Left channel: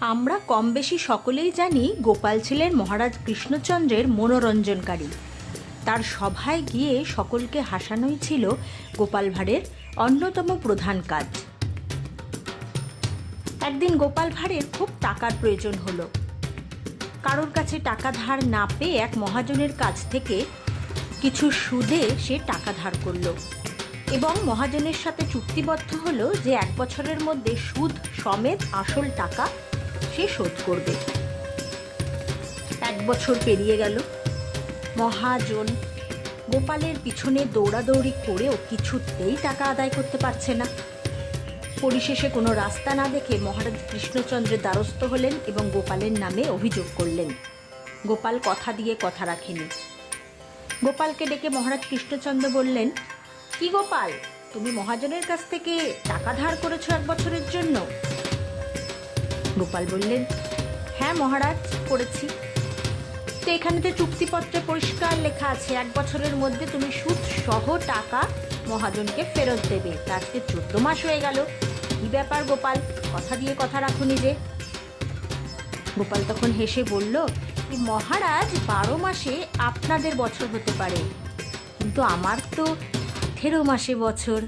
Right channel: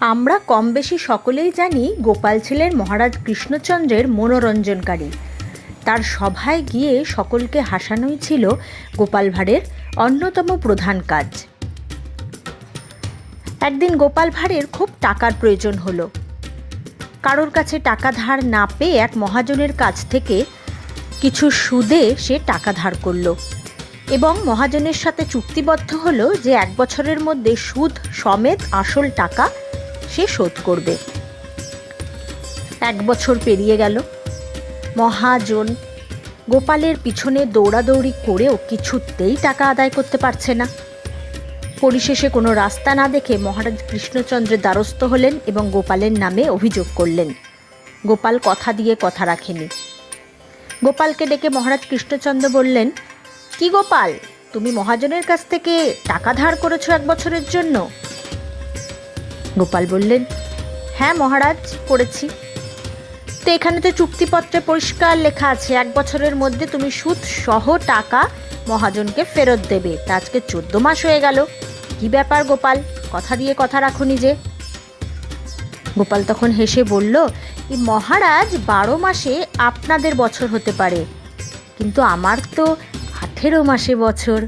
আমরা কম বেশি সকলেই জানি গোপাল ছিলেন মহারাজ কৃষ্ণচন্দ্রের মনোরঞ্জনকারী। তার সভায় গিয়ে সকলকে হাসানোই ছিল গোপাল ভাঁড়ের অন্যতম প্রধান কাজ। একদিন গোপাল ভাঁড়ের খুব টাকার প্রয়োজন হলো। কারোর কাছে টাকা ধার না পেয়ে এক মহাজনের কাছ থেকে কিছু সুদে সে টাকা ধার করলো এবং মহাজনের সাথে চুক্তিবদ্ধ হলো যে 1 বছরের মধ্যে সুদ সমেত আসল টাকা সে শোধ করবে। 1 বছর পেরিয়ে গেল। মহাজন গোপালের পিছনে দৌড়াদৌড়ি করেও কিছুতেই টাকা আদায় করতে পারছে না। পরিশেষে কোনো রাস্তা না দেখে মহারাজ কৃষ্ণচন্দ্রের দ্বারস্থ হলেন এবং গোপালের নামে অভিযোগ করলেন। গোপাল কথা দিয়ে কথা রাখেনি। গোপালকে ডেকে মহারাজ কৃষ্ণচন্দ্র বললেন, কি গোপাল, তুমি মহাজনের কাছ থেকে টাকা ধার করেছো 1 বছরের জন্য? গোপাল বললেন, হ্যাঁ মহারাজ, করেছি। তো এখানে তো চুক্তিপত্রে পরিষ্কার লেখা আছে 1 বছরের মধ্যে তুমি সুদ সহ টাকা মহাজনকে ফেরত দেবে। তা আজকে 14 মাস হয়ে গেল, কি ব্যাপার গোপাল, কথা দিয়ে কথা রাখুনি যে? গোপাল তখন হেসে বলল, মহারাজ 12 মাসে আপনাদের বছর হতে পারে, কিন্তু আমার তো 18 মাসে বছর।